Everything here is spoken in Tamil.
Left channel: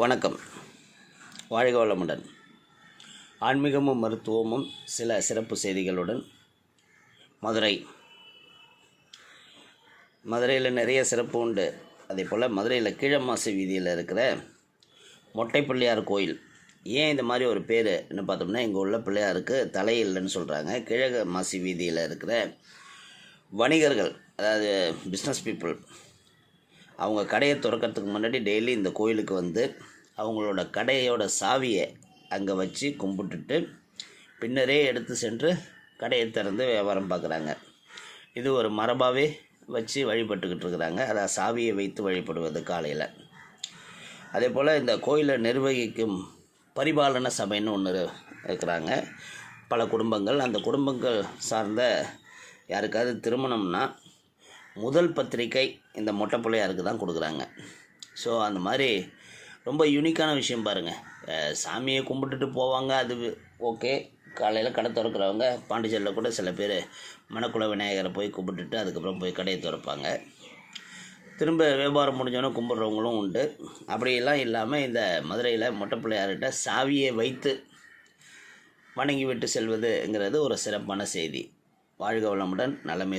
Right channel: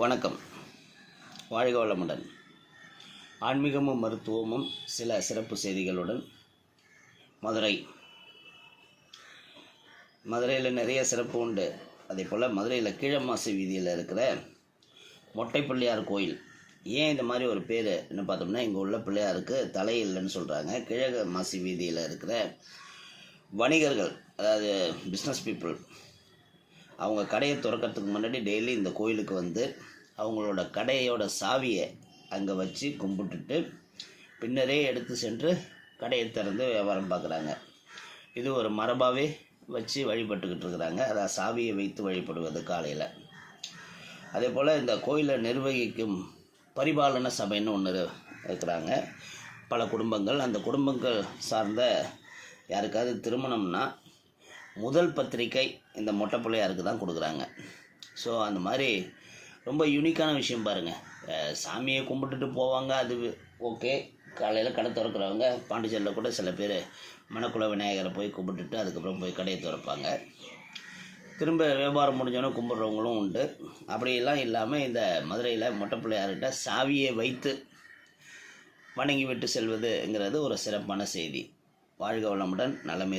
வணக்கம். வாழ்க வளமுடன். ஆன்மீகமும் மருத்துவமும் சில சிறப்பு செய்திகளுடன் மதுரையில் நிறைய சிறப்பு உண்டு. அதே போல் மதுரையில் கீழமாசி வீதியில் இருக்கிற மொட்டை பிள்ளையார் கோயில். ஏன் இந்த மாதிரி ஒரு பேருன்னு பார்த்தோம்னா, இங்கே உள்ள பிள்ளையாருக்கு தலை இல்லைன்னு சொல்கிறாங்க. கீழமாசி வீதியில் இருக்கிற வணிகர்கள், அதாவது பிஸ்னஸ் பீப்புள், அவங்க கடையை திறக்கிறதுக்கு முன்னாடி டெய்லி இந்த கோயிலுக்கு வந்து அவங்களோட கடையோட சாவியை அங்கே வச்சு கும்பிட்டுட்டு பின்னரே எடுத்து சென்று கடையை திறந்து வியாபாரம் பார்க்குறாங்க. இது ஒரு மரபாகவே வச்சு வழிபட்டுக்கிட்டு இருக்கிறாங்க. அதை சாவியை வைத்து வழிபடுவது காலையில். அதே போல் இந்த கோயிலை நிர்வகிக்கும் பரிபாலன சபைன்னு ஒன்று இருக்கிறாங்க. பல குடும்பங்கள், அந்த குடும்பங்கள் சார்ந்த யாருக்காவது திருமணம்னா முதல் பத்திரிக்கை இந்த மொட்டை பிள்ளையாருக்கு தான் கொடுக்குறாங்க. ஸோ அந்த மாதிரி ரொம்ப யூனிக்கான விஷயம் பாருங்கள். சாமியை கும்பிட்டுட்டு போவாங்க, அது ஓகே. காலையில் கடை திறக்கிறவங்க பாண்டிச்சேரியில் கூட சில பேர் மணக்குள விநாயகரை போய் கும்பிட்டுட்டு அதுக்கப்புறம் போய் கடையை திறப்பாங்க. திரும்ப வியாபாரம் முடிஞ்சோன்னே கும்பிட்றவங்களும் உண்டு. அப்படியெல்லாம் இல்லாமல் இந்த மதுரையில் மொட்டை பிள்ளையார்கிட்ட சாவியை வைத்து வணங்கி விட்டு செல்வதுங்கிறது ஒரு சிறப்பான செய்தி. வாழ்க வளமுடன். நலமே